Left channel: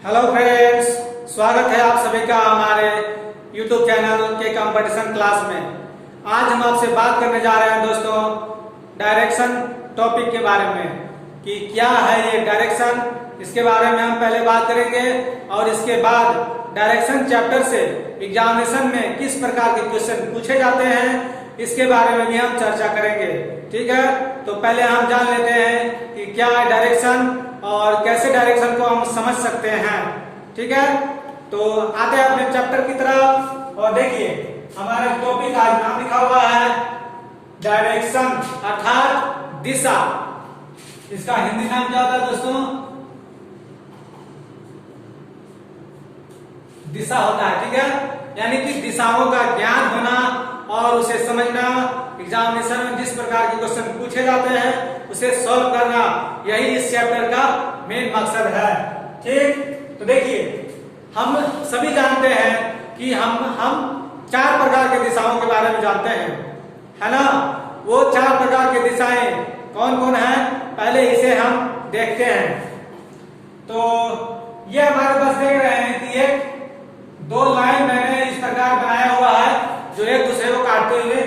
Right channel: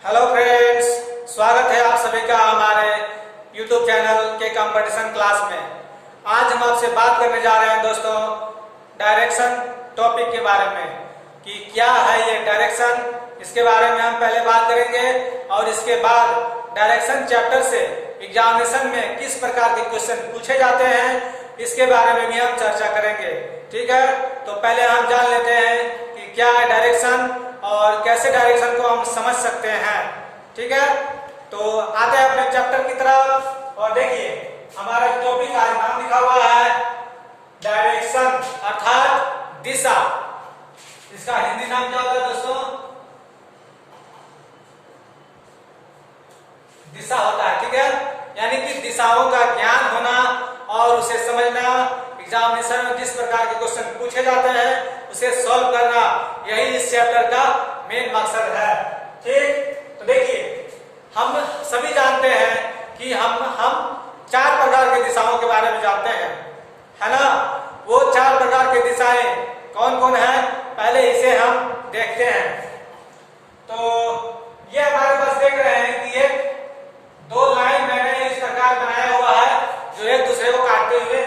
Hello friends, स्वागत है आप सभी का हमारे YouTube चैनल के कंपटीशन क्लास में। आज हम आपसे बात करने जा रहे हैं दोस्तों डायरेक्शन टॉपिक के बारे में कि क्या है ये डायरेक्शन। इसके बारे में हम पहले बात करेंगे और इसके बाद डायरेक्शन चैप्टर से एग्जामिनेशन में किस प्रकार के क्वेश्चन पूछे जाते हैं इसके बारे में भी हम चर्चा करेंगे। ठीक है, तो पहले हम जान लेते हैं कि क्या है डायरेक्शन और कैसे डायरेक्शन को हम समझ सकते हैं। ठीक है, तो आते हैं अपने चैप्टर की तरफ और देखिए हमारा टॉपिक आज नाम लिखा हुआ है डायरेक्शन अर्थात दिशा। इसका हिंदी नाम क्या होता है दोस्तों? दिशा होता है। ठीक है, यानी कि दिशाओं का ज्ञान होना और उसे समझना, एग्जामिनेशन में जिस प्रकार के क्वेश्चन पूछे जाते हैं उसे सॉल्व करना, यही इस चैप्टर का मेन मकसद है। ठीक, तो देखिए हम सभी जानते हैं कि हम चार प्रकार के दिशाओं के बारे में जानते हैं, है ना। वो चार प्रकार के दिशाएं कौन कौन है पहले इसे हम देखते हैं। तो ये हमारे पास देख रहे हैं कि एक दो लाइन मैंने इस प्रकार बनाया हुआ है जो एक दूसरे को काटते हुए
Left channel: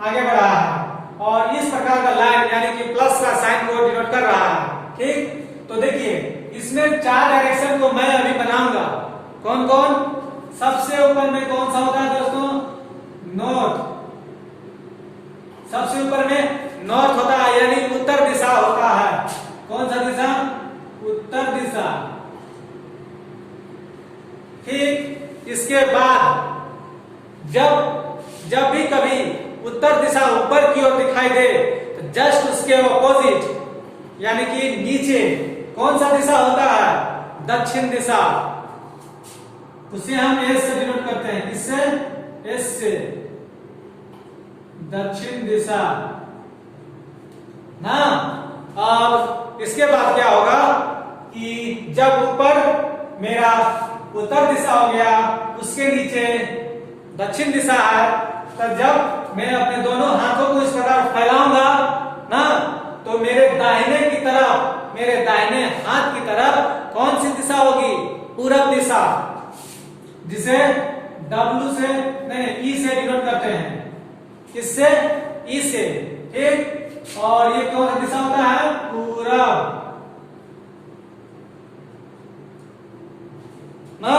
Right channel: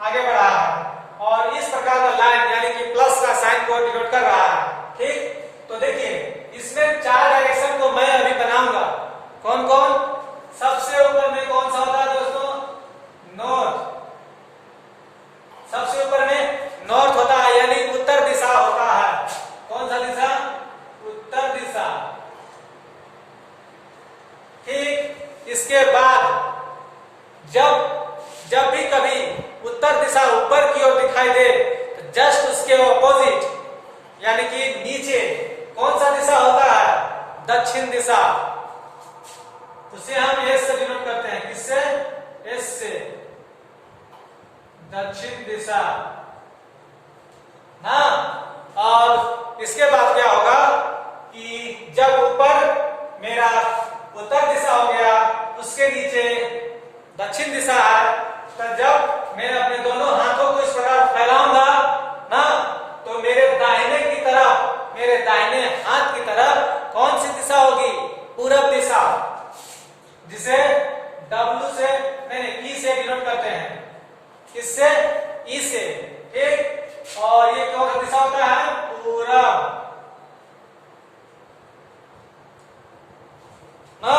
आगे बढ़ा है और इस प्रकार का लाइन यानी कि प्लस का साइन को डिनोट कर रहा है। ठीक, तो देखिए इसमें चार डायरेक्शन को मैं अभी बनाऊंगा। कौन कौन? सबसे ऊपर में कौन सा होता है दोस्तों? नॉर्थ। सबसे ऊपर में नॉर्थ होता है यानी उत्तर दिशा होता है। कौन सा दिशा? उत्तर दिशा। ठीक, इसके बाद जब भी कभी उत्तर दिशा ऊपर की ओर दिखाई दे तो जस्ट उसके ऑपोजिट यानी कि नीचे कौन सा दिशा होता है? दक्षिण दिशा। उसे हम एस से डिनोट करते हैं। किससे? एस से। दक्षिण दिशा ना। और इसके बाद क्या होगा कि जब ऊपर मेरा उत्तर दिशा हो गया उसके नीचे दक्षिण दिशा है, तो जब मैं अपने दोनों हाथों को इस प्रकार फैलाऊंगा ना तो मेरे दाहिने की तरफ, मेरे दाहिने हाथ की तरफ कौन सी दिशा होगी? पूरब दिशा, जिसे W से नहीं ई से डिनोट करते हैं। किससे? ई से। ठीक, और ये कौन सा दिशा होता है? पूरब ना।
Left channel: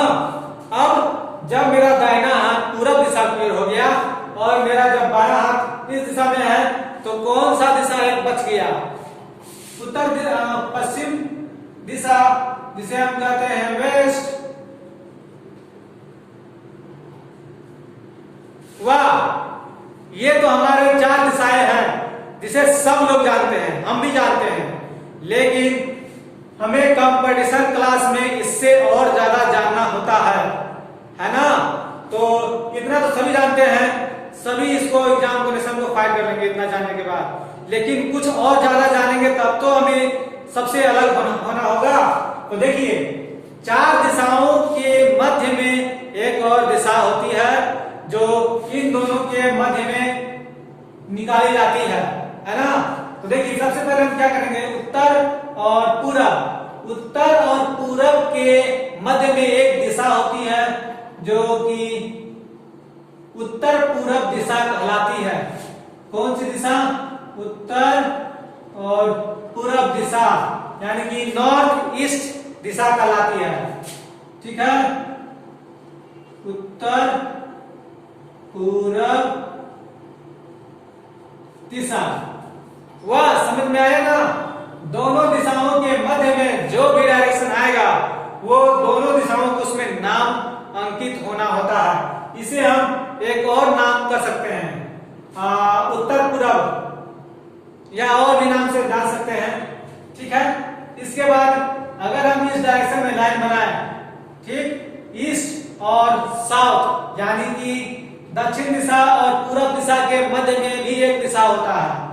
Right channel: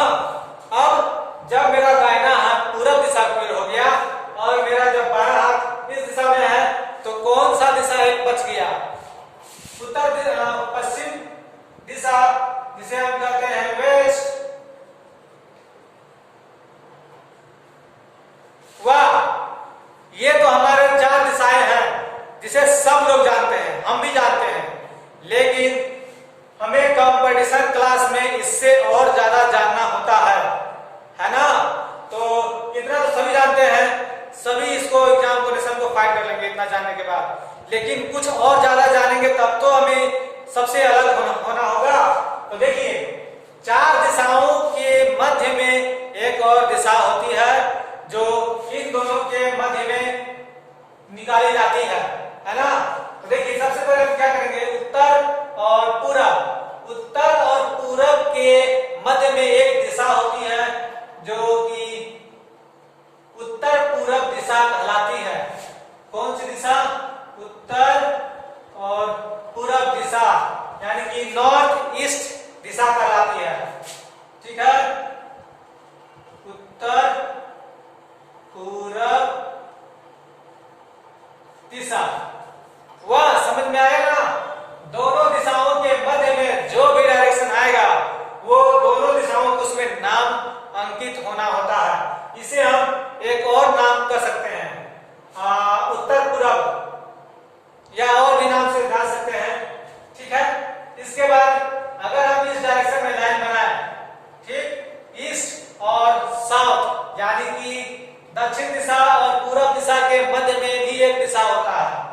अब जब मेरा दाहिना हाथ पूरब दिशा की ओर हो गया और मेरा जब बायां हाथ इस दिशा में है तो कौन सा दिशा एक बच गया? पश्चिम दिशा, जिसे हम कहते हैं वेस्ट। वाह, ये तो हमारे चार दिशाएं हैं जिसे सब लोग जानते हैं, हम भी जानते हैं, लेकिन हमें कंपटीशन क्लास में इससे और ज्यादा जानना होता है ना। तो इतना तो सभी जानते हैं, सभी इसको एग्जामिनेशन को फाइट कर लेंगे इतना जानने के बाद, लेकिन कुछ और ज्यादा जानेंगे तब तो हमें सबसे अलग होना होगा। तो देखिए चार दिशाओं के मध्य में एक और दिशा होती है जो इन दोनों के मध्य में निकाली जाती है ना। तो देखिए सबसे पहले हम क्या करेंगे? उत्तर और पूरब। उत्तर और पूरब के मध्य में एक दिशा होती है जो कि उत्तर पूरब दिशा कहलाती है। कौन सी दिशा? उत्तर और पूरब दिशा यानी कि नॉर्थ ईस्ट दिशा कहलाती है। ठीक है, उत्तर पूरब दिशा। वाह, समझ में आया ना। दोनों दिशाओं के मध्य में जो भी डायरेक्शन आएगा वो दोनों दिशाओं को उसमें नाम अंकित होना होता है। इसे हम एक और नाम कर सकते हैं, उत्तर पूरब, या और भी नाम से जान सकते हैं। ठीक है, इसके बाद अगर हम इस डायरेक्शन में लाइन बनाए, ठीक, ईस्ट और साउथ यानी कि दक्षिण दिशा और पूरब दिशा के मध्य में भी एक दिशा होता है,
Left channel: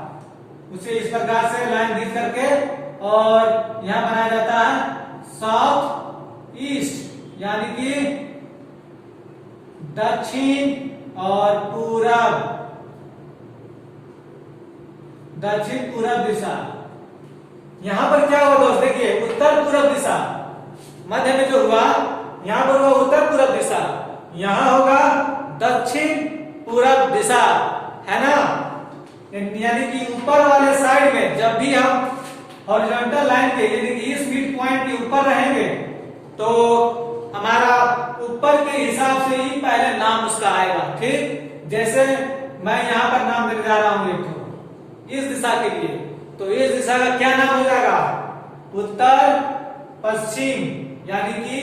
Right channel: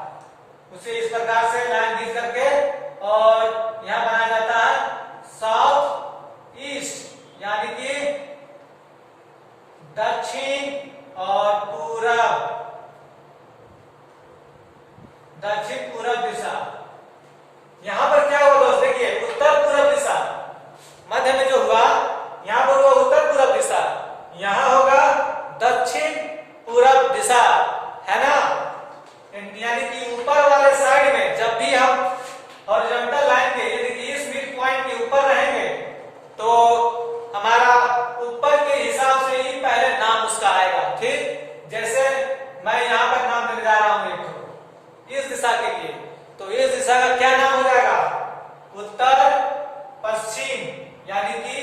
उसे इस प्रकार से लाइन खींच करके और यहां बनाया जाता है साउथ ईस्ट यानी कि दक्षिण और पूरब, दक्षिण पूरब दिशा। यहां पर क्या हुआ दोस्त? देखिए उत्तर पूरब दिशा मध्य में जो हुआ, यहाँ पर हुआ उत्तर पूरब दिशा, यहाँ होगा दक्षिण पूरब दिशा, है ना। यानी कि ऊपर वाले साइड में जब भी हम हॉरिजॉन्टल लाइन के यानी कि इस मिड पॉइंट के ऊपर रहेंगे तो हमारा ऊपर के हिसाब से ही पहले नाम उसका आएगा। ठीक, जैसे मैं यहाँ पर नाम देने जा रहा हूँ एक तो इस दिशा के लिए, तो इस दिशा का क्या नाम हो जाएगा, उत्तर पश्चिम, यानी कि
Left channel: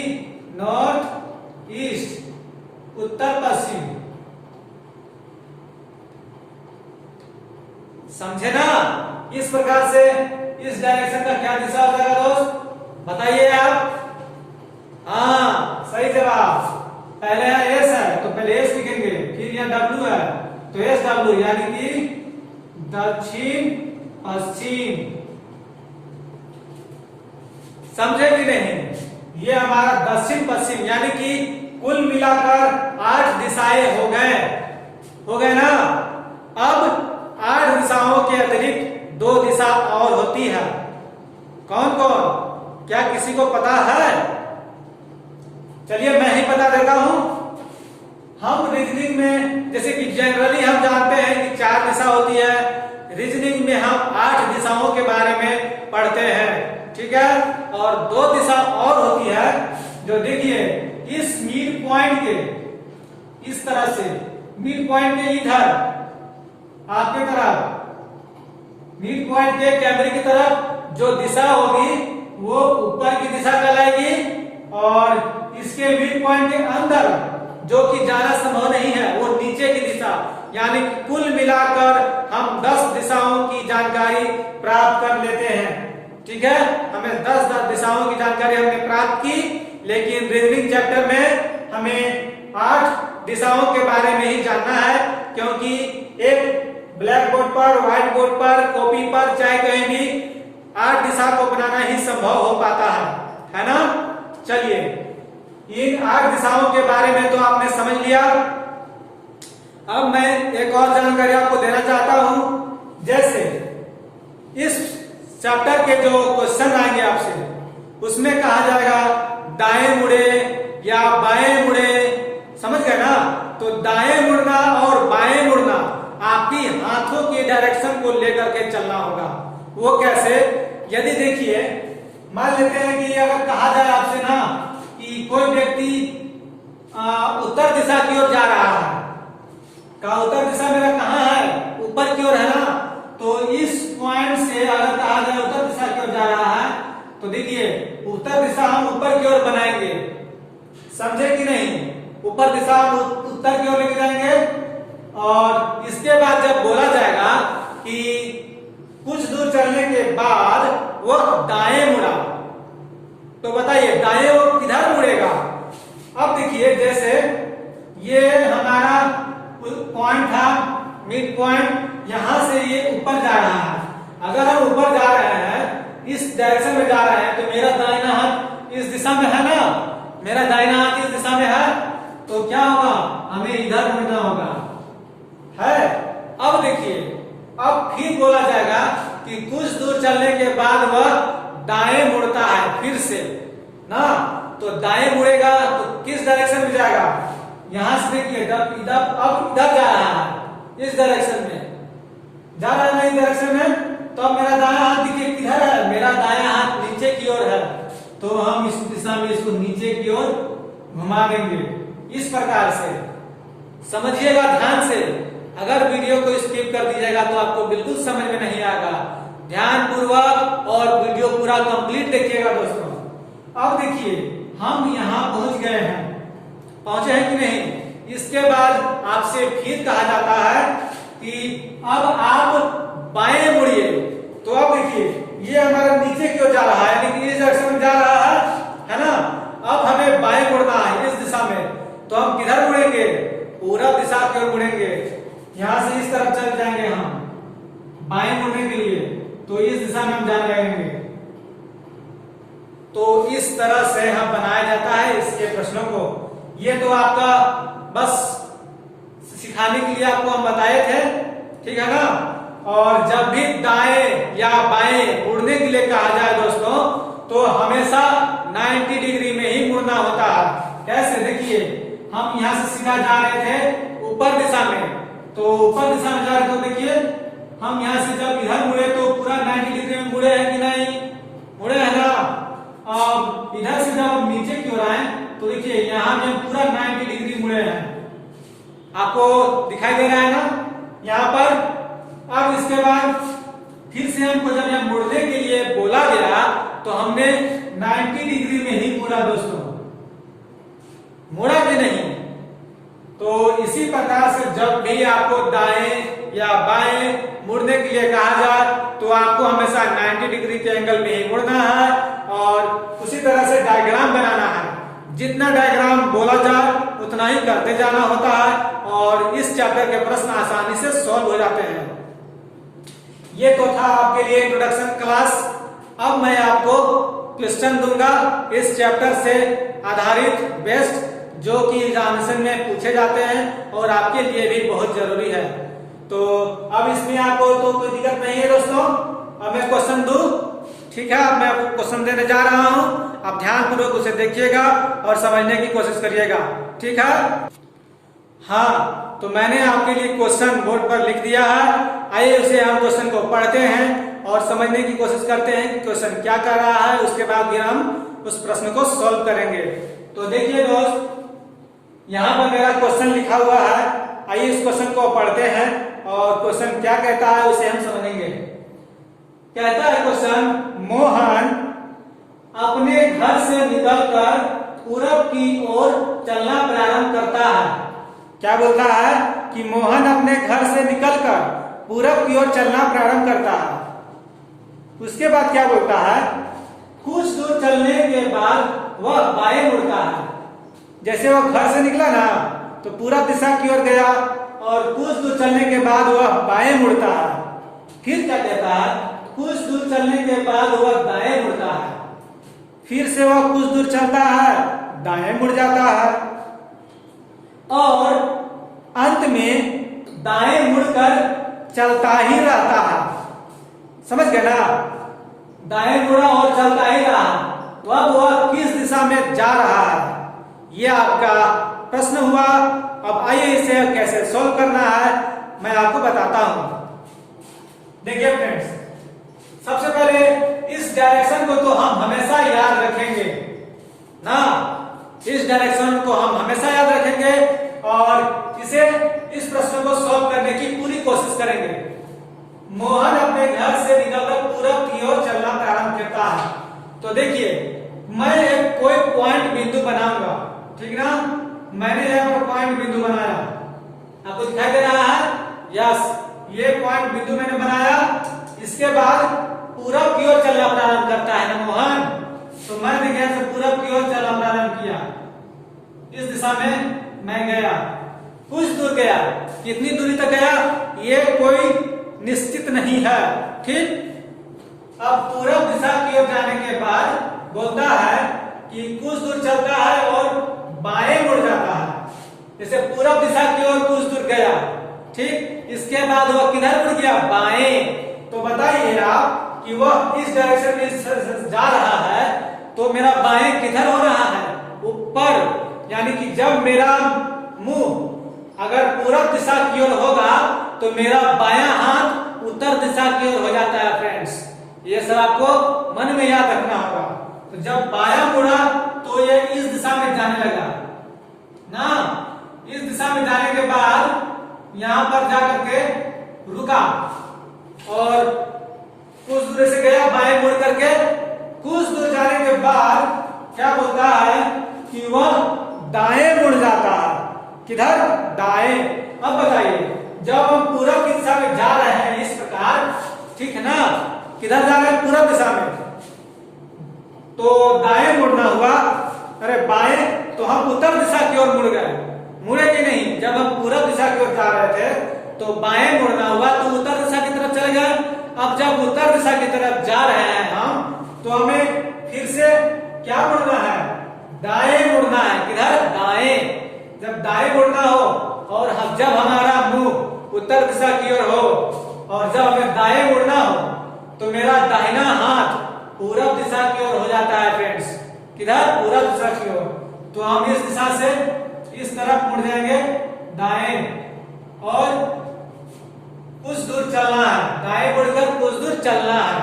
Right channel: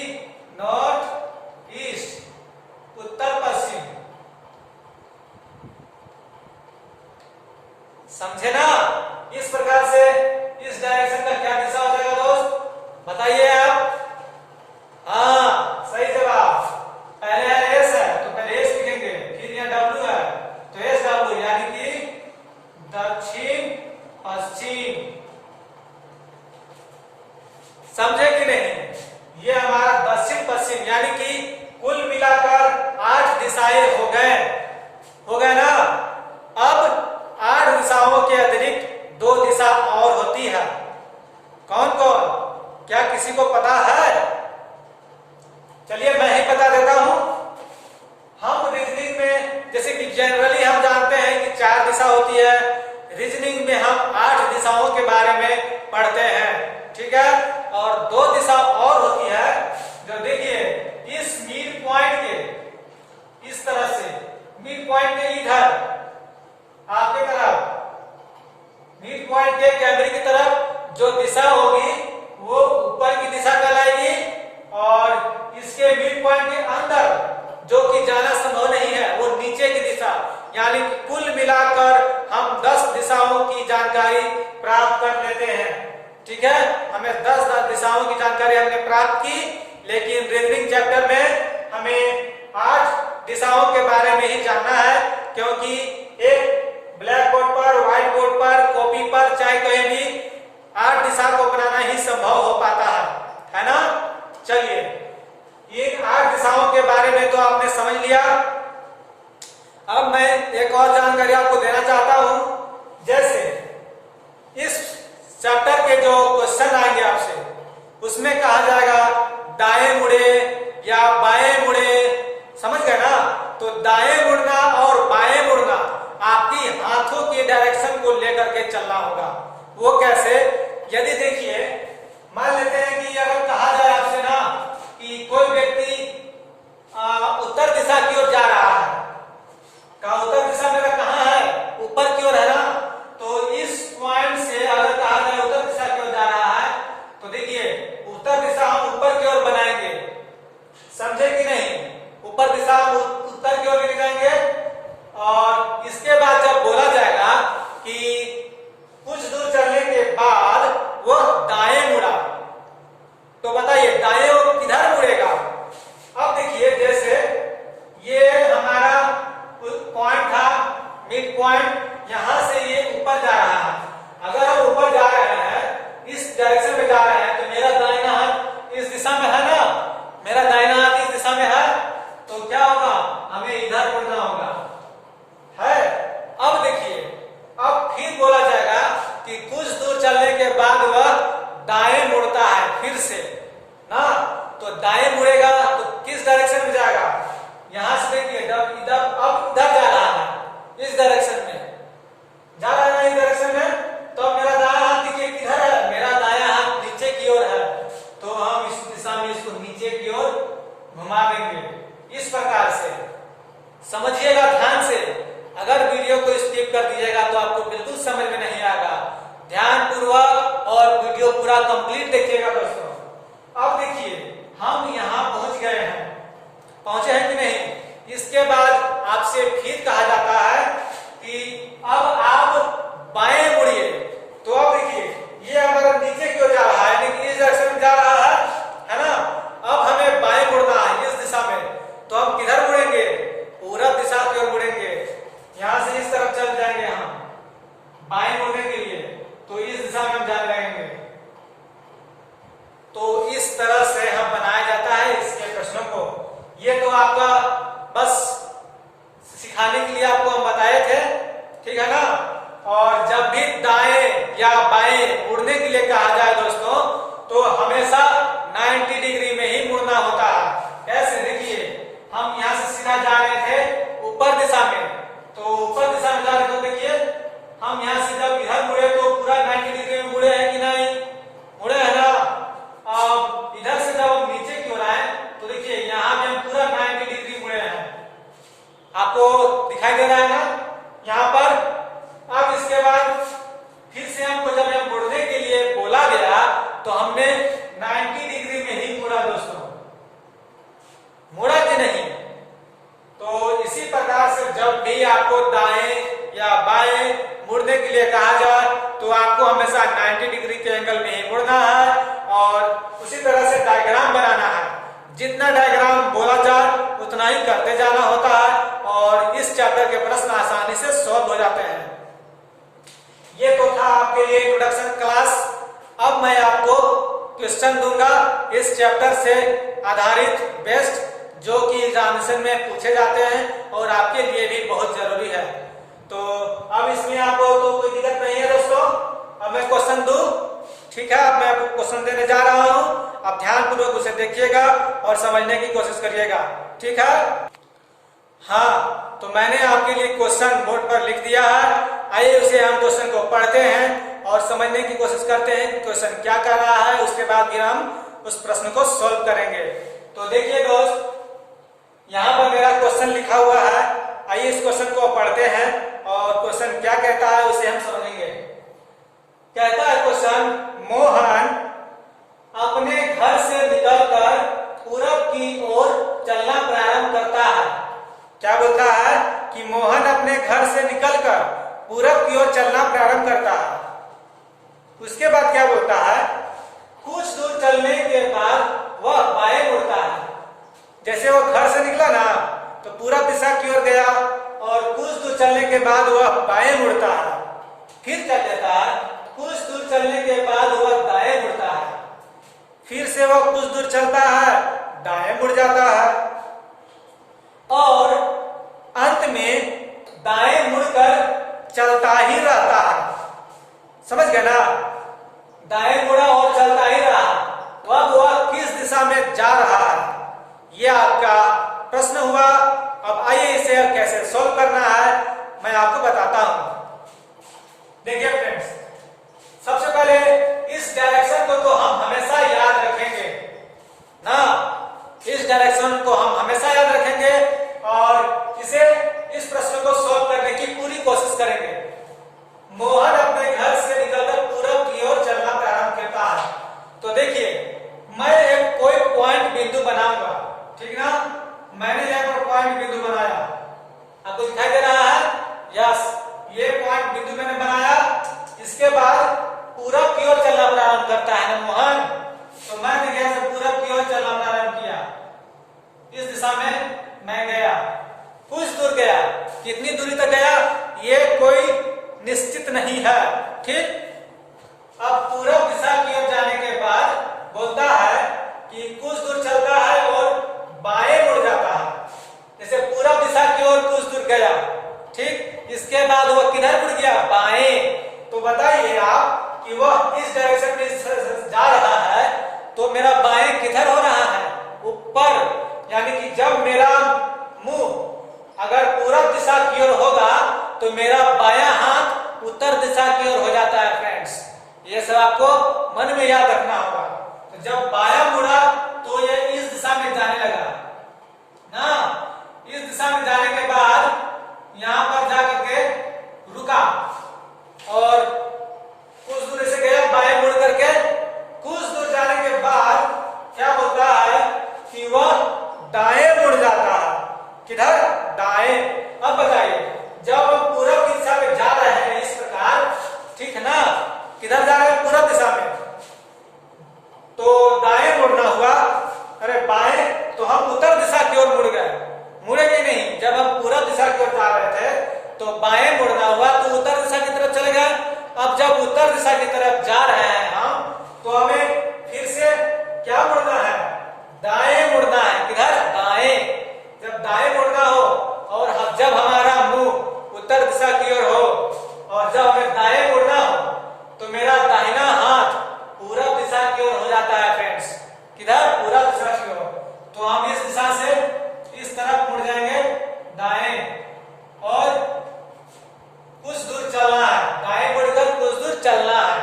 नॉर्थ ईस्ट, उत्तर पश्चिम। समझे ना। इस प्रकार से इस डायरेक्शन का क्या दिशा हो जाएगा दोस्त, बताइए आप। हाँ, सही जवाब। पहले है एस है तो पहले एस लिखेंगे, फिर यहाँ डब्ल्यू है तो एस डब्ल्यू, यानी कि दक्षिण पश्चिम। समझे कि नहीं। ये हमारा दक्षिण पश्चिम, यानी कि कुल मिलाकर 8 दिशाएं हो गए ना। अब 8 दिशाओं के अतिरिक्त 2 दिशा और होती है। कौन कौन, क्या किसी को पता है? चलिए मैं ही बता देता हूं। हम रीजनिंग में जैसे कि जनरली हम जानते हैं कि 4 दिशा होती है, रीजनिंग में हम 8 दिशाओं के बारे में पढ़ते हैं। ठीक है, और 2 दिशा और होती है जो देखिए इस मिड पॉइंट के इस तरह से, मिड पॉइंट के इधर आपके तरफ, मिड पॉइंट के कैमरे की तरफ जो दिशा होगी वो ऊपर की दिशा कहलाएगी, और इसके मिड पॉइंट के अंदर जो कि जाना संभव नहीं है वो नीचे की दिशा, यानी कि कुल मिलाकर हम 10 दिशाओं की जानकारी प्राप्त कर लेते हैं। ठीक है, हमें 10 दिशाओं की जानकारी हमने प्राप्त की, लेकिन रीजनिंग चैप्टर में हमें 8 दिशाओं के बारे में ही जानना है, क्योंकि एक ब्लैक बोर्ड पर, व्हाइट बोर्ड पर, कॉपी पर, चाहे कहीं भी 8 दिशा को बनाना ही संभव हो पाता है ना। चलिए, इन 8 दिशाओं के बारे में तो आपने समझ लिया। अब मैं एक और जानकारी आपको देना चाहता हूं। जैसे इस चैप्टर के जो क्वेश्चन आएंगे आपसे, उसमें कहा जाएगा दाएं मुड़े या बाएं मुड़े, समझ गए ना। तो दाएं मुड़ना और बाएं मुड़ना आपकी हाथों के डायरेक्शन को लेकर के चलना होगा। वो कैसे, यदि देखिए मान लेते हैं कि अगर कहा जाए आपसे ना कि कोई व्यक्ति उत्तर दिशा की ओर जा रहा है, का उत्तर दिशा मेरा कहाँ है, ऊपर की ओर है ना। तो इस पॉइंट से अगर कहा जाए उत्तर दिशा की ओर जा रहा है, तो देखिए उत्तर दिशा हम ऊपर की ओर बनाएंगे, समझे कि नहीं। ऊपर दिशा हम उत्तर की ओर लेके जाएंगे, और इसके बाद जब बोला जाएगा कि कुछ दूर चलने के बाद वह दाएं मुड़ा, तो बताइए दाएं वो किधर मुड़ेगा। अब देखिए जैसे ये हमारा पॉइंट था, मिड पॉइंट, यहां से ये ऊपर जा रहा है। अगर हम ऊपर जा रहे हैं, इस डायरेक्शन में जा रहे हैं, तो मेरा दाहिना हाथ इस दिशा में है ना, मेरा दाहिना हाथ इस दिशा में है, तो क्या होगा, हमें इधर मुड़ना होगा, है। अब देखिए, अब फिर बोला जाएगा कि कुछ दूर चलने के बाद वह दाएं मुड़ता है फिर से ना। तो दाएं मुड़ेगा तो किस डायरेक्शन में जाएगा, यहां से देखिए अब इधर जा रहा है, इस डायरेक्शन में जा रहा है ना, इस डायरेक्शन में। तो अब मेरा दायां हाथ देखिए किधर है, मेरा दायां हाथ नीचे की ओर है, तो हम इस दिशा में इसको नीचे की ओर घुमा देंगे। इस प्रकार से समझिएगा ध्यान से। अगर वीडियो को स्किप कर दीजिएगा तो आपको बिल्कुल समझ में नहीं आएगा। ध्यान पूर्वक और वीडियो पूरा कंप्लीट देखिएगा दोस्तों। अब देखिए हम यहाँ पहुंच गए हैं, पहुंचे हैं कि नहीं। इसके बाद आपसे फिर कहा जाता है कि अब आप बाएं मुड़िए। तो अब देखिए ये हमारा नीचे की ओर जा रहा है, यानी कि इस डायरेक्शन में जा रहा है ना। अब हमें बाएं मुड़ना है इस दिशा में, तो हम किधर मुड़ेंगे, पूरब दिशा की ओर मुड़ेंगे। यहां से इस तरफ चल जाएंगे हम बाएं मुड़ने के लिए, तो इस दिशा में हम जाने लगेंगे। तो इस तरह से हम बनाया जाता है इसके प्रश्नों को। ये तो आपका बस सिखाने के लिए आपको हम बताए थे, ठीक है ना। और जब भी दाएं या बाएं मुड़ने के लिए कहा जाए दोस्तों, तो हमेशा 90 डिग्री में ही मुड़ना होता है। कैसे? देखिए, हम यहाँ से सीधा जा रहे थे ऊपर दिशा में, तो ऊपर दिशा में जा रहे तो देखिए हम यहाँ से जब इधर मुड़े तो पूरा 90 डिग्री में मुड़े हैं कि नहीं? मुड़े है ना। अब इधर से जब हम नीचे की ओर आए तो देखिए यहाँ भी हम पूरा 90 डिग्री मुड़े हैं। आपको दिखाई दे रहा है ना यहाँ पर। अब इसके बाद फिर से हमको जब यह मुड़ने के लिए बोला गया तो हमने 90 डिग्री में ही मुड़ा दोस्तों, मुड़ा कि नहीं? तो इसी प्रकार से जब भी आपको दाएं या बाएं मुड़ने के लिए कहा जाए तो आपको हमेशा 90 डिग्री के एंगल में ही मुड़ना है और उसी तरह से डायग्राम बनाना है। जितना डायग्राम बोला जाए उतना ही करते जाना होता है और इस चैप्टर के प्रश्न आसानी से सॉल्व हो जाते हैं। ये तो था आपके लिए इंट्रोडक्शन क्लास। अब मैं आपको क्वेश्चन दूंगा इस चैप्टर से आधारित बेस्ट, जो कि एग्जामिनेशन में पूछे जाते हैं और आपके लिए भी बहुत जरूरी है। तो अब इसमें आपको तो कोई दिक्कत नहीं है दोस्तों। अब मैं क्वेश्चन दूं, ठीक है? अब मैं आपको क्वेश्चन देने जा रहा हूं, आप ध्यानपूर्वक उसे देखिएगा और समझने की कोशिश करिएगा, ठीक है? हाँ, तो मैंने आपके लिए क्वेश्चन बोर्ड पर लिख दिया है। आइए उसे हम क्वेश्चन को पढ़ते हैं और समझने की कोशिश करते हैं कि क्वेश्चन क्या कर रहा है। उसके बाद फिर हम उस प्रश्न को सॉल्व करेंगे। तो देखिए दोस्त, यहाँ पर मेरा क्वेश्चन लिखा हुआ है। आइए इस क्वेश्चन को पढ़ते हैं और क्वेश्चन क्या कहता है उसे हम समझेंगे। कहता है क्वेश्चन, मोहन अपने घर से निकलकर पूरब की ओर चलना प्रारंभ करता है। क्या बोलता है कि मोहन अपने घर से निकलकर पूरब की ओर चलना प्रारंभ करता है। उसके बाद क्या बोलता है? कुछ दूर चलने के बाद वह बाएं मुड़ता है। जैसे वह घर से निकला ना तो पूरब दिशा की ओर गया और कुछ दूर चलने के बाद वह बाएं मुड़ता है। फिर क्या कहता है? कुछ दूर चलने के बाद वह दाएं मुड़ता है। फिर से वह कुछ दूर चलता है, दाएं मुड़ जाता है और अंत में दाएं मुड़कर चलता ही रहता है। समझ गए ना? दाएं मुड़ा और चलता ही रहा। अब वह किस दिशा में जा रहा है? यह आपका प्रश्न हुआ। अब आइए इसे कैसे सॉल्व करना है मैं आपको बताता हूं। देखिए फ्रेंड्स, सबसे पहले इस डायरेक्शन को तो हम हमेशा याद रखेंगे ना। इस डायरेक्शन को हम हमेशा याद रखेंगे और इस प्रश्न को सॉल्व करने की पूरी कोशिश करेंगे। मोहन अपने घर से निकलकर पूरब की ओर चलना प्रारंभ करता है। तो देखिए, मैं एक कोई पॉइंट बिंदु बनाऊंगा, ठीक ना? मैंने यहाँ पर पॉइंट बिंदु बनाया, आपको दिखाई दे रहा है? यस, ये पॉइंट बिंदु मैंने बनाया। इसके बाद पूरब की ओर चलना प्रारंभ करता है ना मोहन, तो मैंने यहाँ से पूरब की ओर चलना प्रारंभ किया। इस दिशा में मैं गया, कुछ दूर गया। कितनी दूरी तक गया ये कोई निश्चित नहीं है, ठीक? अब पूरब दिशा की ओर जाने के बाद बोलता है कि कुछ दूर चलता है और बाएं मुड़ जाता है। जैसे पूरब दिशा की ओर कुछ दूर गया, ठीक? इसके बाद वह किधर मुड़ गया? बाएं। तो बताइए आप कि वह इस डायरेक्शन में जा रहा है तो मेरा बाएं किधर हो रहा है? ऊपर। यानी कि जब मेरा मुंह अगर पूरब दिशा की ओर होगा तो मेरा बायां हाथ उत्तर दिशा की ओर हो जाता है फ्रेंड्स। ये सब आपको मन में याद रखना होगा। तो जब बायां मुड़ा तो ये इस दिशा में जाने लगा ना। इस दिशा में जाने के बाद यहां पर जाकर के रुका और कुछ दूर से गया बाएं मुड़ करके। कुछ दूर जाने के बाद क्या बोलता है कि वह दाएं मुड़ जाता है। किधर? दाएं। अब बताइए, जब हम पूरब की दिशा में जा रहे हैं इस प्रकार, ठीक है ना? किधर जा रहे हैं? पूरब दिशा में, तो दाएं मुड़ना हुआ। अरे बाएं तो हम उत्तर दिशा की ओर मुड़ गए, मुड़े कि नहीं? जब हम पूरब दिशा की ओर जा रहे थे तो बाएं मुड़ना हुआ तो उत्तर दिशा की तरफ चले गए। अब जब उत्तर दिशा की तरफ जा रहे हैं हम तो हमें फिर से क्या मुड़ना है? दाएं मुड़ना है। किधर? दाएं। जब दाएं मुड़ना हो और जब हमारा मुंह उत्तर दिशा की ओर हो और जब हमें दाएं मुड़ना हो तो मेरा दाहिना हाथ पूरब दिशा की ओर हो जाता है फ्रेंड्स। किधर? पूरब दिशा की ओर। तो हम इस दिशा से इस तरफ मुड़ जाएंगे दाएं और कुछ दूर चलना है, दाएं मुड़कर कुछ दूर चलना है।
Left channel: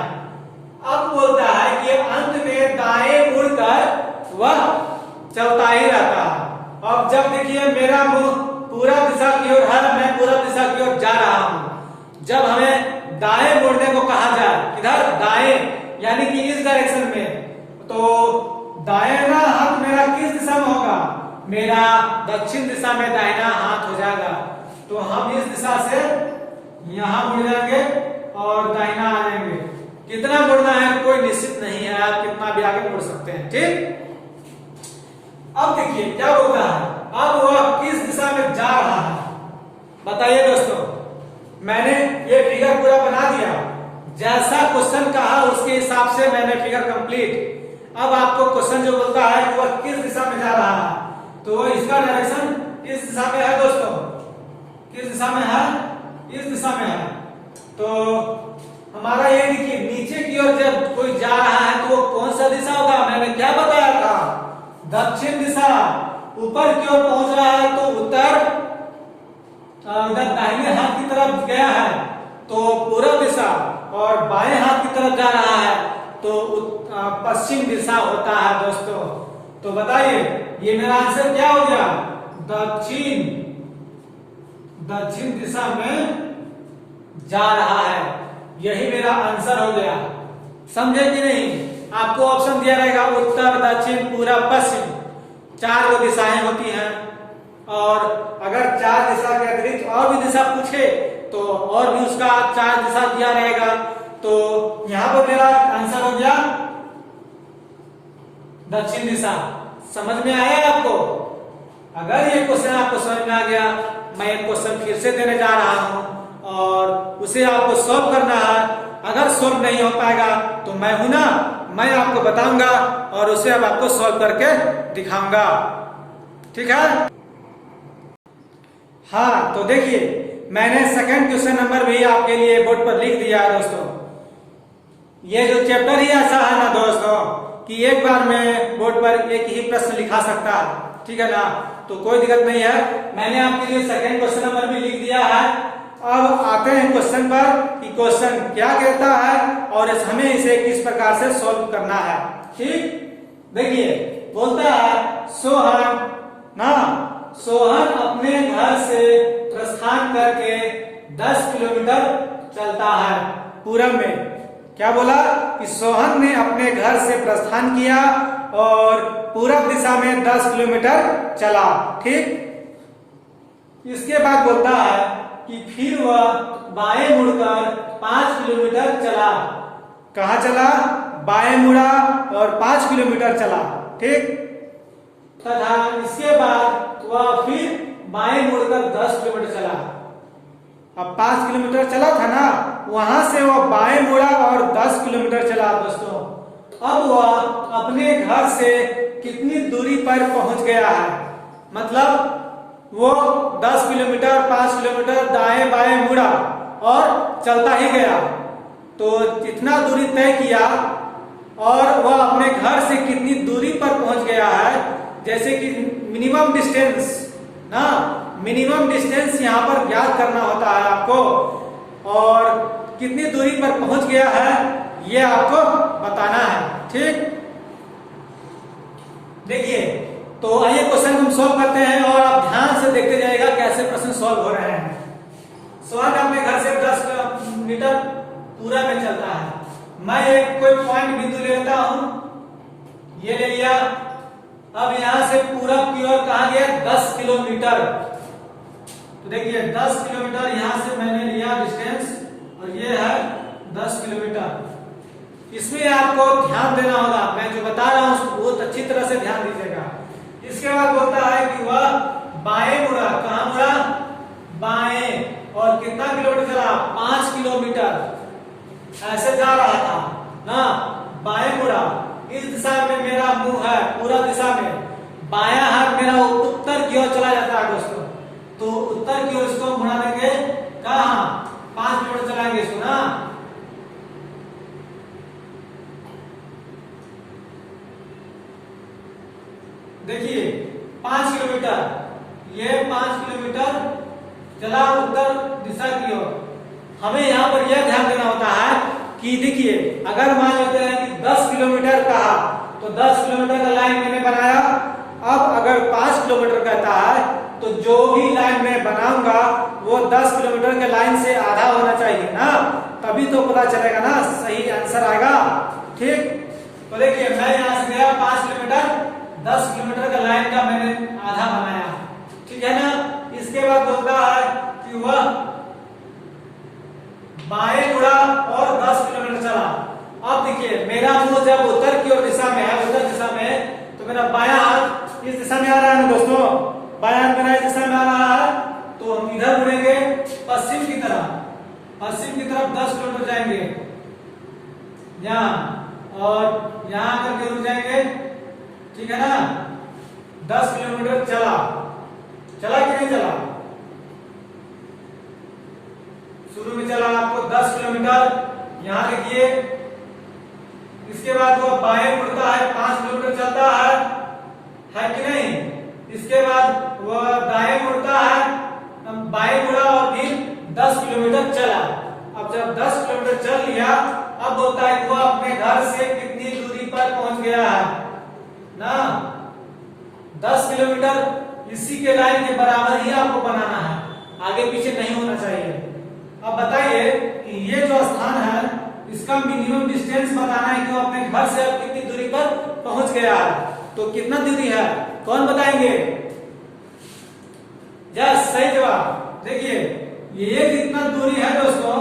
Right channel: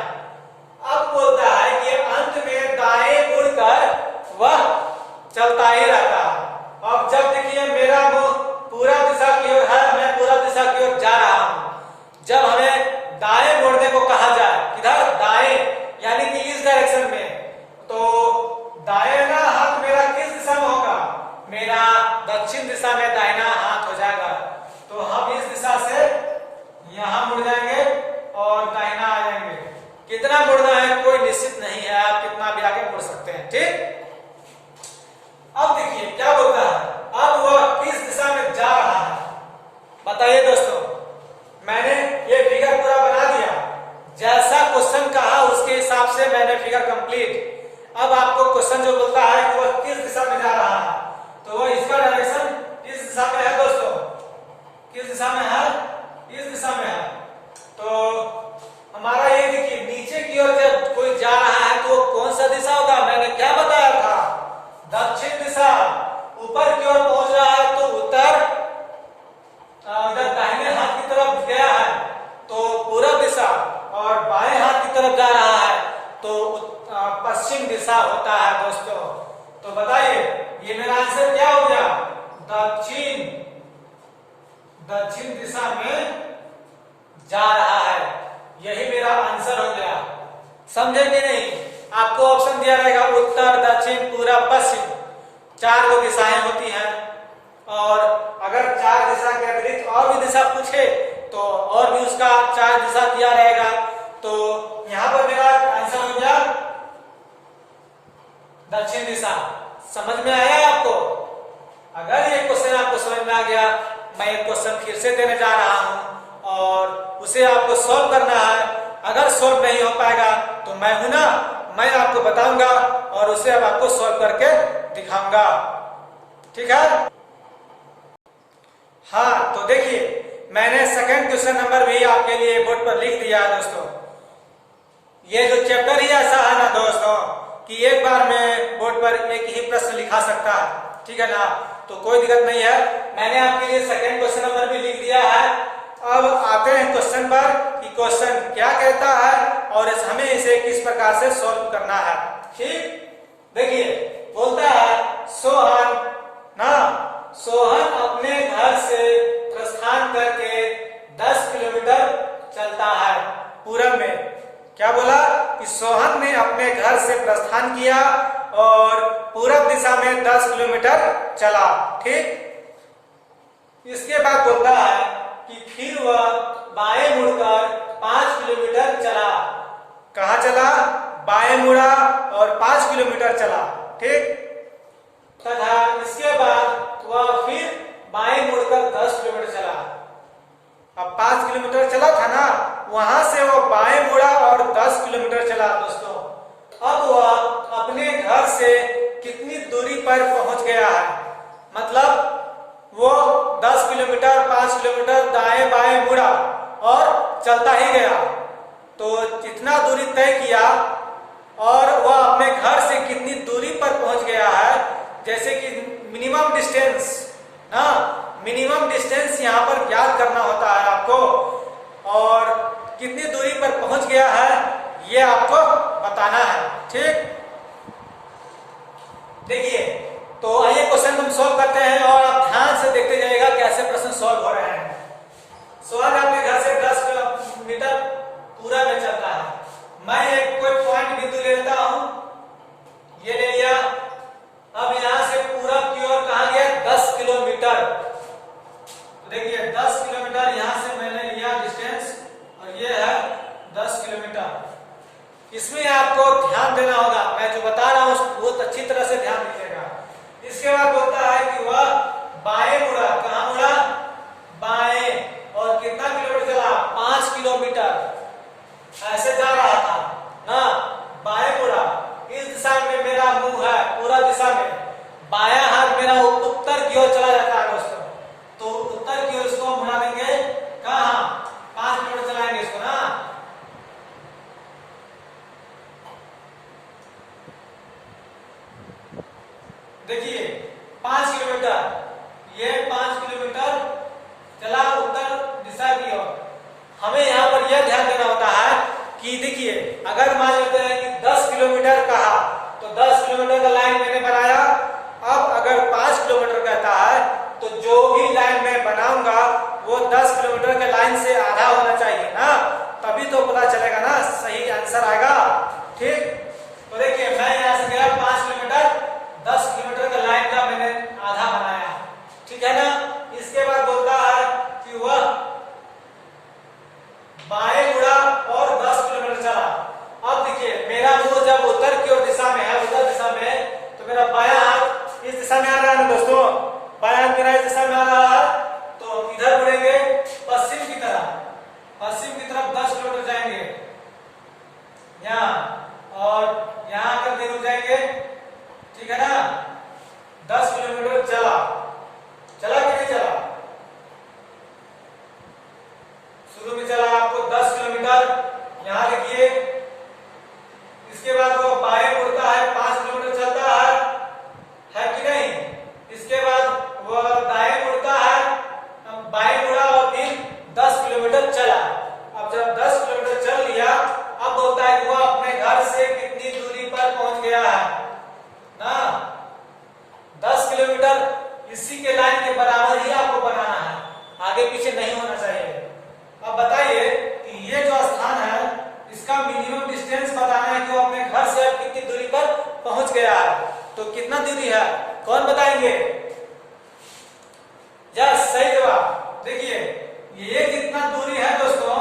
अब बोलता है कि अंत में दाएं मुड़कर वह चलता ही रहता है। अब जब देखिए मेरा मुंह पूरब दिशा की ओर है, मैं पूरब दिशा की ओर जा रहा हूं। जब हमें दाएं मुड़ने को कहा जाए, इधर दाएं यानी कि इस डायरेक्शन में, तो दाहिना हाथ मेरा किस दिशा में होगा? मेरा दक्षिण दिशा में दाहिना हाथ हो जाएगा। तो हम इस दिशा से यहां मुड़ जाएंगे और दाहिना आ जाएंगे। कितना मुड़ना है कोई निश्चित नहीं है, आप कितना भी आगे मुड़ सकते हैं। ठीक, अब देखिए क्या बोलता है, अब वह किस दिशा में जा रहा है बताइए दोस्तों। मैंने ये फिगर पूरा बना दिया, जैसा क्वेश्चन कहा उसके हिसाब से मैंने फिगर कंप्लीट। अब आपको क्वेश्चन जो बोलता है कि वह किस दिशा में जा रहा है, तो वह इसका डायरेक्शन किस दिशा में है दोस्तों? किस दिशा में है? इस दिशा में है। तो हमारा ये देखिए नीचे की ओर जब कोई जा रहा है तो वो कौन सा दिशा होगा? मैंने क्या बताया था? दक्षिण दिशा। ऊपर की ओर पहुंच रहा है तो उत्तर, इधर दाहिने हाथ की तरफ गया है तो पूरब दिशा, और बाएं हाथ की तरफ जा रहा है तो पश्चिम दिशा होता है दोस्तों। तो बताइए ये मेरा आंसर क्या हो गया? दक्षिण दिशा में जा रहा है, यही मेरा आंसर हो गया। समझे कि नहीं? आपको ऑप्शन दिया रहेगा उत्तर, दक्षिण, पूरब, पश्चिम, 4 वो दिशाएं होती हैं। और अगर 4 दिशा के अतिरिक्त और भी दिशा पूछे तो और भी उसका 4 दिशा दिया रहेगा। तो यहां पर मेरा आंसर हो गया दक्षिण दिशा। समझ में आया आपको? अगर ये क्वेश्चन आपको समझ में आ गया, मैं एक क्वेश्चन फिर से देने जा रहा हूं और उसे आपको सॉल्व करना है। अगर सॉल्व नहीं हो पाएगा तो मैं हूं ना, मैं आपको बताऊंगा और उसे अब आपको सॉल्व करके दिखाऊंगा। ठीक है? हाँ, तो देखिए मैंने सेकंड क्वेश्चन नंबर भी आपके लिए बोर्ड पर लिख दिया है दोस्तों। ये जो चैप्टर ही ऐसा है ना दोस्तों कि एक बार में बोर्ड पर एक ही प्रश्न लिखा सकता है। ठीक है ना? तो कोई दिक्कत नहीं है, मैंने आपके लिए सेकंड क्वेश्चन नंबर भी लिख दिया है। अब आते हैं क्वेश्चन पर कि क्वेश्चन क्या कहता है और हमें इसे किस प्रकार से सॉल्व करना है। ठीक, देखिए बोलता है सोहन अपने घर से प्रस्थान करके 10 किलोमीटर चलता है पूरब में। क्या बोला कि सोहन ने अपने घर से प्रस्थान किया और पूरब दिशा में 10 किलोमीटर चला। ठीक, इसके बाद बोलता है कि फिर वह बाएं मुड़कर 5 किलोमीटर चला। कहाँ चला? बाएं मुड़ा और 5 किलोमीटर चला। ठीक, तथा इसके बाद वह फिर बाएं मुड़कर 10 किलोमीटर चला। अब 5 किलोमीटर चला था ना, वहां से वह बाएं मुड़ा और 10 किलोमीटर चला दोस्तों। अब वह अपने घर से कितनी दूरी पर पहुंच गया है? मतलब वो 10 किलोमीटर 5 किलोमीटर दाएं बाएं मुड़ा और चलता ही गया। तो जितना दूरी तय किया और वह अपने घर से कितनी दूरी पर पहुंच गया है, जैसे कि मिनिमम डिस्टेंस ना, मिनिमम डिस्टेंस यहाँ पर ज्ञात करना होता है आपको, और कितनी दूरी पर पहुंच गया है ये आपको बताना है। ठीक, देखिए तो आइए क्वेश्चन हम सॉल्व करते हैं और आप ध्यान से देखते जाइएगा कैसे प्रश्न सॉल्व हो रहे हैं। सोहन अपने घर से 10 किलोमीटर पूरा में चलता है। मैं एक कोई पॉइंट बिंदु ले लेता हूं, ये ले लिया। अब यहां से पूरब की ओर कहा गया 10 किलोमीटर। तो देखिए 10 किलोमीटर यहां से मैंने लिया डिस्टेंस और ये है 10 किलोमीटर। इसमें आपको ध्यान देना होगा, मैं जो बता रहा हूं उसको बहुत अच्छी तरह से ध्यान दीजिएगा। इसके बाद बोलता है कि वह बाएं मुड़ा। कहां मुड़ा? बाएं। और कितना किलोमीटर चला? 5 किलोमीटर। ऐसे जा रहा था ना, बाएं मुड़ा। इस दिशा में मेरा मुंह है, पूरा दिशा में बायां हाथ मेरा उत्तर की ओर चला जाता है दोस्तों। तो उत्तर की ओर इसको मुड़ा देंगे। कहां? 5 किलोमीटर चलाएंगे इसको ना। देखिए 5 किलोमीटर, ये 5 किलोमीटर चला उत्तर दिशा की ओर। हमें यहाँ पर यह ध्यान देना होता है कि देखिए अगर मान लेते हैं कि 10 किलोमीटर कहा तो 10 किलोमीटर का लाइन मैंने बनाया। अब अगर 5 किलोमीटर कहता है तो जो भी लाइन मैं बनाऊंगा वो 10 किलोमीटर के लाइन से आधा होना चाहिए ना, तभी तो पता चलेगा ना, सही आंसर आएगा। ठीक, तो देखिए मैं यहाँ से गया 5 किलोमीटर, 10 किलोमीटर का लाइन का मैंने आधा बनाया, ठीक है ना। इसके बाद बोलता है कि वह बाएं मुड़ा और 10 किलोमीटर चला। अब देखिए मेरा मुड़ जब उत्तर की ओर दिशा में है, उत्तर दिशा में, तो मेरा बायां हाथ इस दिशा में आ रहा है ना दोस्तों, बायां हाथ मेरा इस दिशा में आ रहा है, तो हम इधर मुड़ेंगे पश्चिम की तरफ, पश्चिम की तरफ 10 किलोमीटर जाएंगे यहाँ, और यहाँ करके रुक जाएंगे, ठीक है ना। 10 किलोमीटर चला, चला कि नहीं चला? शुरू में चला आपको 10 किलोमीटर, यहाँ लिखिए। इसके बाद वो बाएं मुड़ता है, 5 किलोमीटर चलता है कि नहीं। इसके बाद वो दाएं मुड़ता है, बाएं मुड़ा और फिर 10 किलोमीटर चला। अब जब 10 किलोमीटर चल लिया, अब बोलता है कि वो अपने घर से कितनी दूरी पर पहुंच गया है ना। 10 किलोमीटर इसी के लाइन के बराबर ही आपको बनाना है, आगे पीछे नहीं होना चाहिए। अब बताइए कि ये जो स्थान है इसका मिनिमम डिस्टेंस बताना है कि वो अपने घर से अब कितनी दूरी पर पहुंच गया है। तो कितना दूरी है कौन बताएंगे? यस, सही जवाब। देखिए ये जितना दूरी है दोस्तों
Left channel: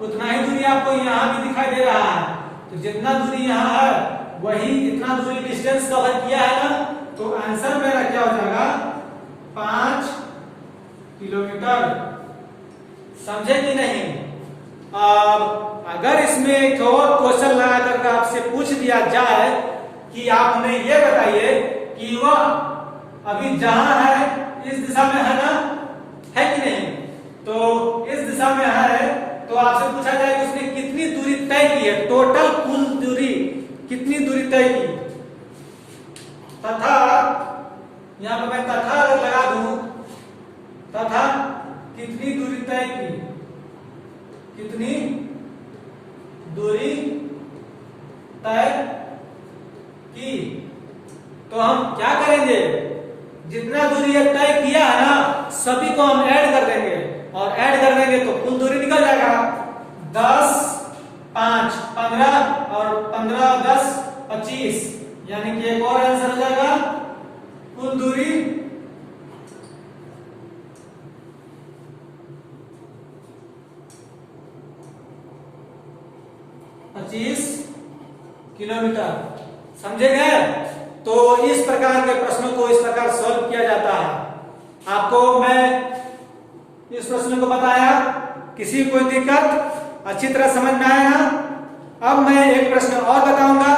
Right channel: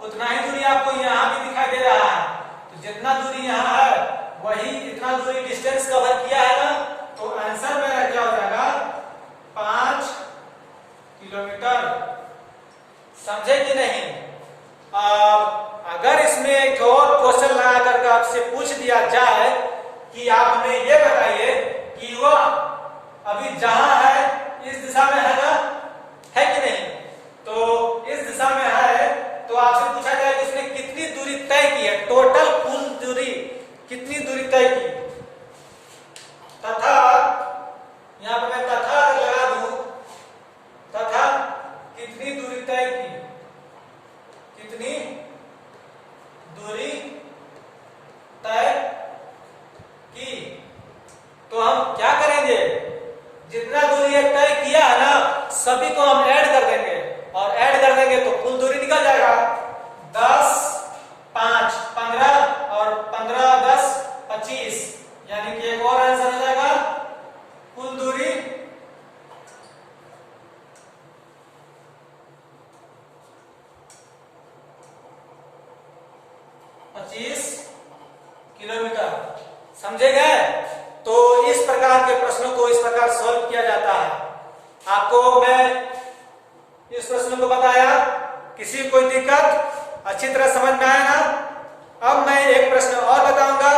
उतना ही दूरी आपको यहाँ भी दिखाई दे रहा है, तो जितना दूरी यहाँ है वही इतना दूरी डिस्टेंस कवर किया है ना, तो आंसर मेरा क्या हो जाएगा? 5 किलोमीटर। समझे कि नहीं? अब अगर इसमें एक और क्वेश्चन लगा करके आपसे पूछ दिया जाए कि आप हमें ये बताइए कि वह अभी जहां है इस दिशा में है ना, है कि नहीं? तो इस दिशा में है, तो आपसे पूछा जाए कि उसने कितनी दूरी तय की है, टोटल कुल दूरी कितनी दूरी तय की, तथा यहां पर मैं तथा लगा दूं, तथा कितनी दूरी तय की, कितनी दूरी तय की। तो हम क्या करेंगे, जितना दूरी तय किया है ना सभी को हम ऐड कर देंगे, और ऐड कर देंगे तो कुल दूरी निकल जाएगा। 10, 5, 15 और 15, 10, 25, यानी कि एक और आंसर हो जाएगा कुल दूरी 25 किलोमीटर। समझे गए? तो इस प्रकार के प्रश्नों को इस प्रकार सॉल्व किया जाता है। आपको मैं इस प्रश्न को बताया, किसी कोई दिक्कत अच्छी तरह समझ में आया ना? अब मैं एक प्रश्न और बताऊंगा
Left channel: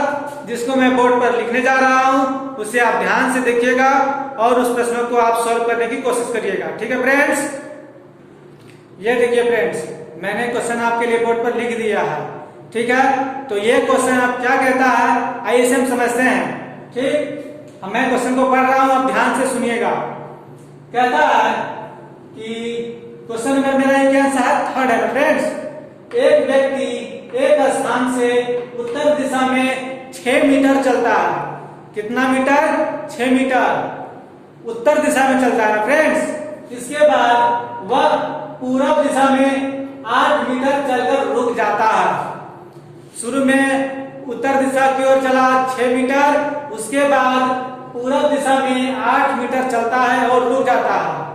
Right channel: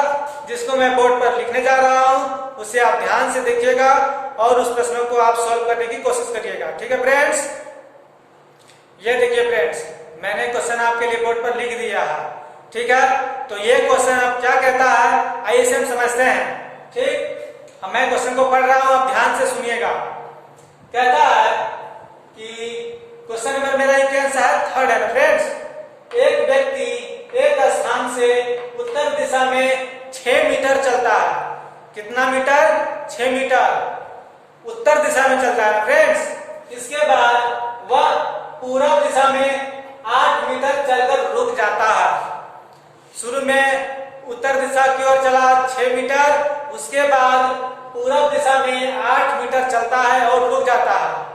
जिसको मैं बोर्ड पर लिखने जा रहा हूं, उसे आप ध्यान से देखिएगा और उस प्रश्नों को आप सॉल्व करने की कोशिश करिएगा। ठीक है फ्रेंड्स? ये देखिए फ्रेंड्स, मैंने क्वेश्चन आपके लिए बोर्ड पर लिख दिया है, ठीक है। तो ये क्वेश्चन अब क्या कहता है आइए इसे हम समझते हैं। ठीक, अब मैं क्वेश्चन को पढ़ रहा हूं, आप ध्यान से सुनिएगा। कहता है कि क्वेश्चन नंबर मेरा क्या आंसर है, थर्ड है ना फ्रेंड्स। एक व्यक्ति एक स्थान से उत्तर दिशा में 6 मीटर चलता है। कितना मीटर? 6 मीटर उत्तर दिशा में चलता है फ्रेंड्स। इसके बाद वह पूर्व दिशा में 8 मीटर चलकर रुक जाता है। शुरू में उत्तर दिशा की ओर चला 6 मीटर, उसके बाद पूर्व दिशा में 8 मीटर चलता है और रुक जाता है।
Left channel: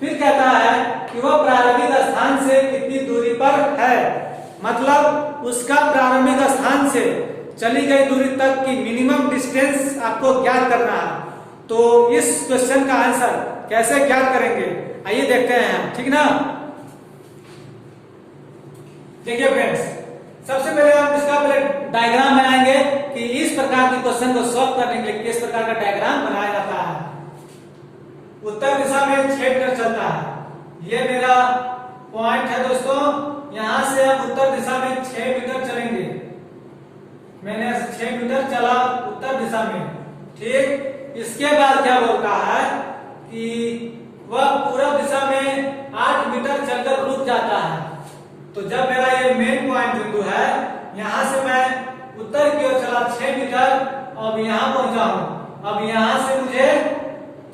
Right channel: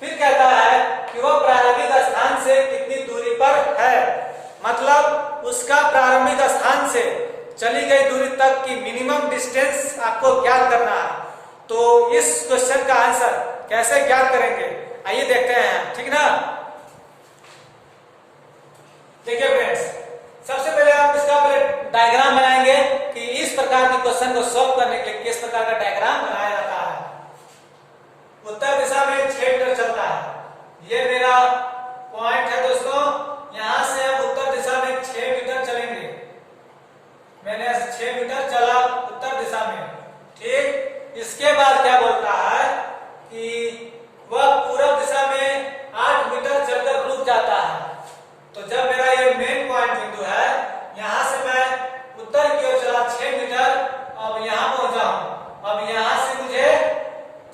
फिर कहता है कि वह प्रारंभिक स्थान से कितनी दूरी पर है, मतलब उसका प्रारंभिक स्थान से चली गई दूरी तक की मिनिमम डिस्टेंस आपको ज्ञात करना है। तो इस क्वेश्चन का आंसर कैसे ज्ञात करेंगे आइए देखते हैं, ठीक ना। देखिए फ्रेंड्स, सबसे पहले हम इसका डायग्राम बनाएंगे कि इस प्रकार के क्वेश्चन को सॉल्व करने के लिए किस प्रकार का डायग्राम बनाया जाता है। उत्तर दिशा में 6 मीटर चलता है, ये मेरा पॉइंट है दोस्तों। यहां से हम उत्तर दिशा में 6 मीटर चलेंगे। मैंने 6 मीटर चला उत्तर दिशा में, ठीक। इसके बाद क्या बोलता है कि वह पूरब दिशा में 8 मीटर चलकर रुक जाता है। तो जब मेरा ये मेन पॉइंट बिंदु है, यहां से मैं उत्तर की ओर चला 6 मीटर, अब यहां पहुंचा हूं। अब यहां से मुझे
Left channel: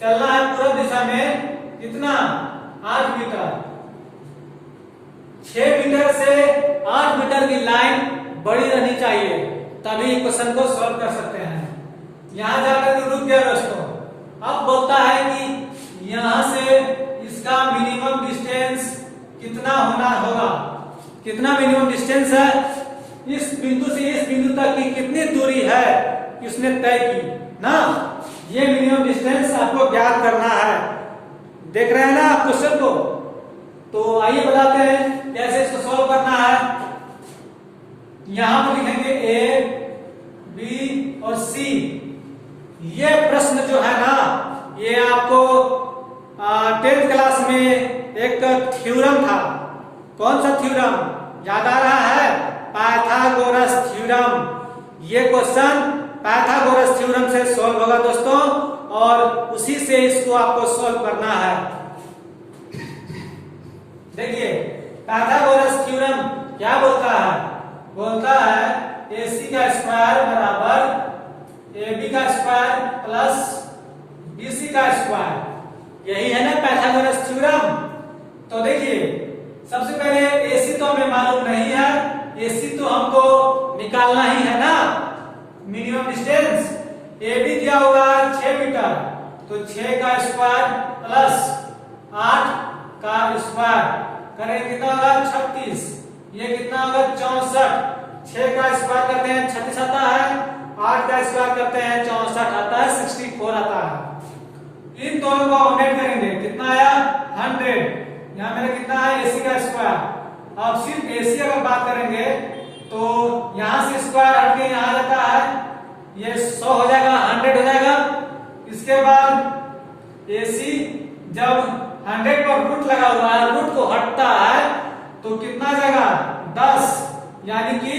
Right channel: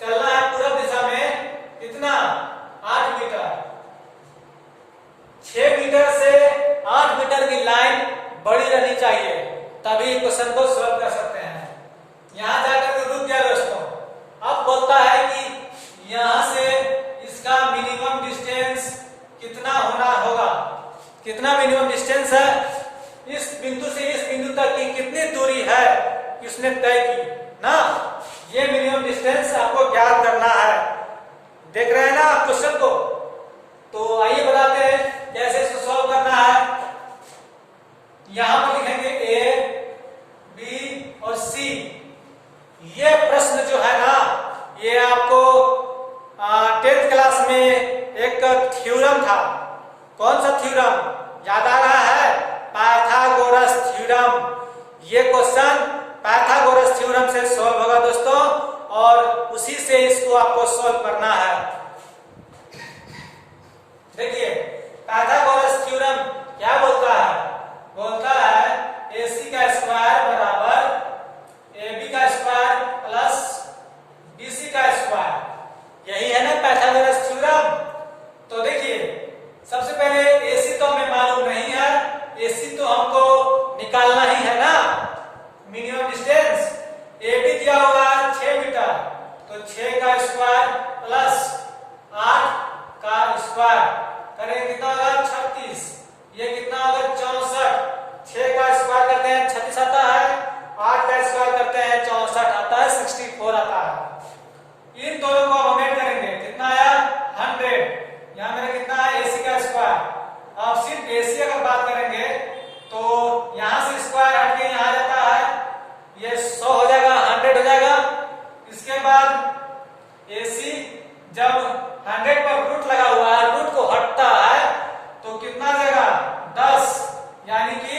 चलना है पूरब दिशा में कितना, 8 मीटर। 6 मीटर से 8 मीटर की लाइन बड़ी रहनी चाहिए, तभी क्वेश्चन को सॉल्व कर सकते हैं। यहां जाकर रुक गया दोस्तों। अब बोलता है कि यहां से इसका मिनिमम डिस्टेंस कितना होना होगा, कितना मिनिमम डिस्टेंस है, इस बिंदु से इस बिंदु तक की कितनी दूरी है कि उसने तय की ना, ये मिनिमम डिस्टेंस आपको ज्ञात करना है। देख रहे हैं ना आप क्वेश्चन को? तो आइए बताते हैं कैसे इसको सॉल्व करना है। यहां पर लिखेंगे ए, बी और सी। ये प्रश्न जो है ना, ये आपको 10th क्लास में एक थ्योरम था। कौन सा थ्योरम याद आ रहा है? Pythagoras theorem. ये क्वेश्चन पाइथागोरस थ्योरम से सॉल्व होगा दोस्तों, और उसी से इसको आपको सॉल्व करना है। देखिए पाइथागोरस थ्योरम क्या बोलता है? बोलता है AC का स्क्वायर बराबर AB का स्क्वायर प्लस BC का स्क्वायर। यही है ना पाइथागोरस थ्योरम। तो देखिए सबसे पहले AC तो हमें मालूम नहीं है, AC तो हमको निकालना ही है ना, मिनिमम डिस्टेंस। AB क्या होगा 6 मीटर, तो 6 का स्क्वायर प्लस 8 का स्क्वायर करें कितना होगा 36। ये कितना होगा 64। 6 का स्क्वायर करते हैं 36 आता है, 8 का स्क्वायर करते हैं 64 आता है, 64 आता है। इन दोनों को हम ऐड करेंगे, कितना आया 100। यहाँ मेरे कितना है AC का स्क्वायर। अब सिर्फ AC की अगर बात करेंगे तो यहाँ से स्क्वायर हट के यहाँ आ जाता है, ये 100 हो जाएगा, 100 हो जाएगा। इसके बाद AC जब 100 पर रूट लगा हुआ है, रूट को हटता है तो कितना जाएगा 10, यानी कि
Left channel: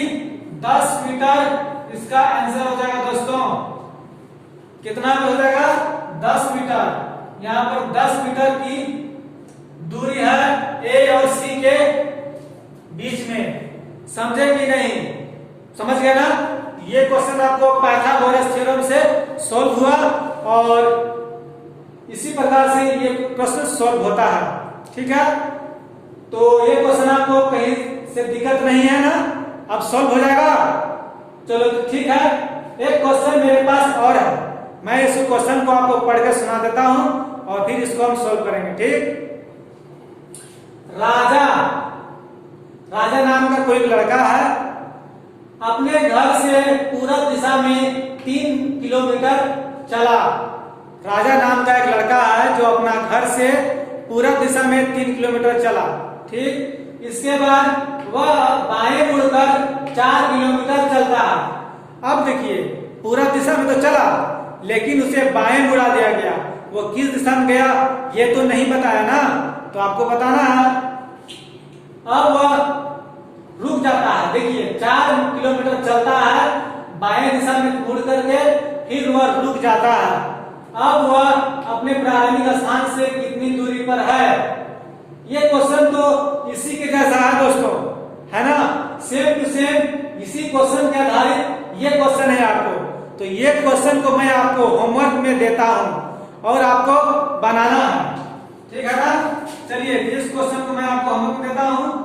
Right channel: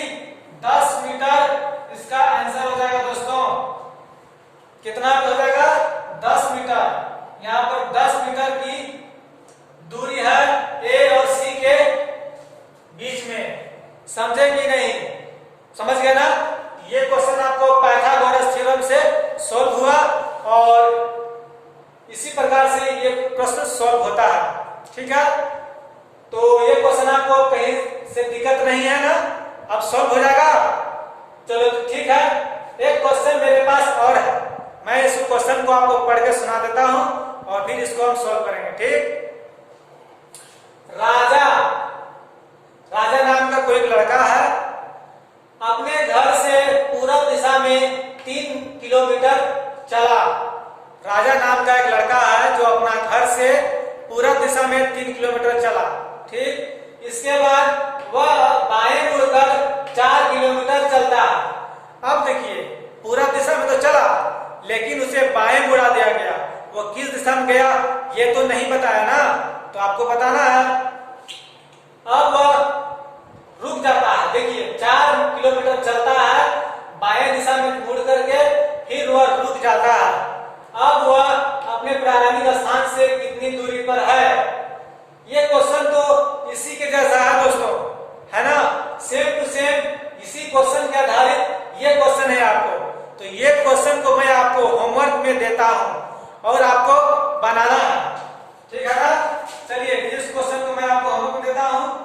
10 मीटर इसका आंसर हो जाएगा दोस्तों। कितना हो जाएगा 10 मीटर। यहाँ पर 10 मीटर की दूरी है A और C के बीच में। समझे कि नहीं? समझ गए ना? ये क्वेश्चन आपको पाइथागोरस थ्योरम से सॉल्व हुआ, और इसी प्रकार से ये प्रश्न सॉल्व होता है। ठीक है, तो ये क्वेश्चन आपको कहीं से दिक्कत नहीं है ना, अब सॉल्व हो जाएगा। चलो तो ठीक है, एक क्वेश्चन मेरे पास और है, मैं इस क्वेश्चन को आपको पढ़ के सुना देता हूं और फिर इसको हम सॉल्व करेंगे। ठीक, राजा नाम का कोई लड़का है, अपने घर से पूरब दिशा में 3 किलोमीटर चला। राजा नाम का एक लड़का है जो अपना घर से पूरब दिशा में 3 किलोमीटर चला। ठीक, इसके बाद वह बाएं मुड़कर 4 किलोमीटर चलता है। अब देखिए पूरब दिशा में तो चला, लेकिन उसे बाएं मुड़ा दिया गया। वो किस दिशा में गया ये तो नहीं बताया ना, तो आपको बताना है। अब वह रुक जाता है। देखिए 4 किलोमीटर चलता है बाएं दिशा में मुड़ करके, फिर वह रुक जाता है। अब वह अपने प्रारंभिक स्थान से कितनी दूरी पर है? ये क्वेश्चन तो इसी के जैसा है दोस्तों, है ना, सेम टू सेम इसी क्वेश्चन के आधारित ये क्वेश्चन है आपको। तो ये क्वेश्चन को मैं आपको होमवर्क में देता हूं और आपको बनाना है। ठीक है ना? चलिए इस क्वेश्चन को मैं आपको होमवर्क में देता हूं।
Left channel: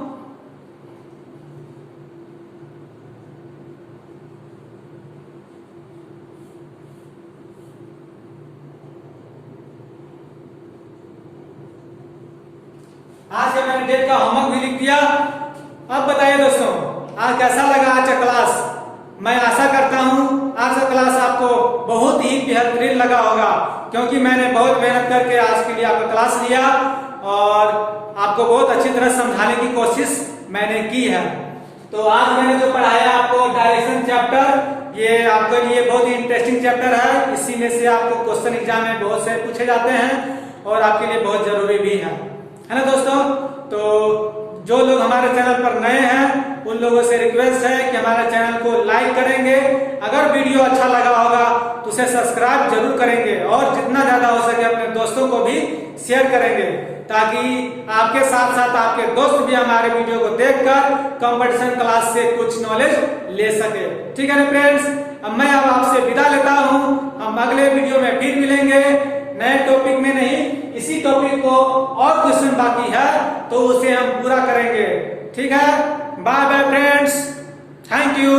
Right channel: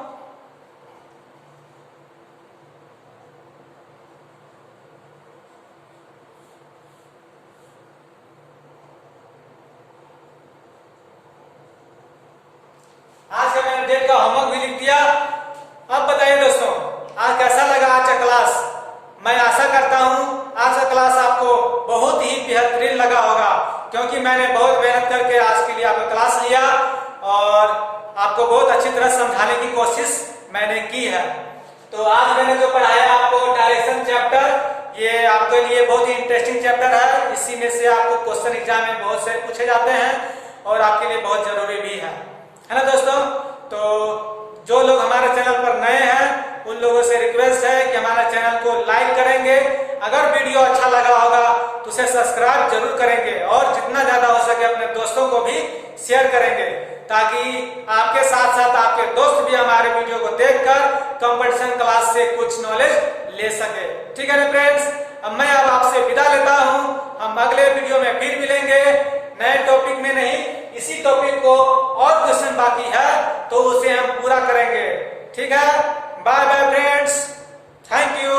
आज का मैंने डेट का होमवर्क भी लिख दिया। अब बताइए दोस्तों, आज कैसा लगा आज का क्लास? मैं आशा करता हूं आज का क्लास आपको बहुत ही बेहतरीन लगा होगा, क्योंकि मैंने बहुत मेहनत करके आज के लिए आपका क्लास लिया और आपको बहुत अच्छी तरह समझाने की कोशिश मैंने की है। तो आज मैंने जो पढ़ाया आपको डायरेक्शन चैप्टर, ये आपके लिए बहुत ही इंटरेस्टिंग चैप्टर है। इसी में से आपको क्वेश्चन एग्जाम में बहुत से पूछे जाते हैं और आपके लिए बहुत जरूरी भी है ना दोस्तों? तो जो लोग हमारे चैनल पर नए हैं उन लोगों से रिक्वेस्ट है कि हमारे चैनल को लाइक करेंगे, अगर वीडियो अच्छा लगा होगा तो उसे सब्सक्राइब जरूर करेंगे और जितना ज्यादा हो सके अपने दोस्तों को भी शेयर करेंगे, ताकि आपके साथ साथ आपके दोस्त भी हमारे वीडियो को देखकर कंपटीशन क्लास से कुछ नॉलेज ले सके। ठीक है ना फ्रेंड्स, अब मैं आपसे विदा लेता हूं। हम अगले वीडियो में फिर मिलेंगे, नए टॉपिक में नहीं, इसी टॉपिक को और क्वेश्चन बाकी है तो उसे हम पूरा करेंगे। ठीक है, bye bye friends, thank you.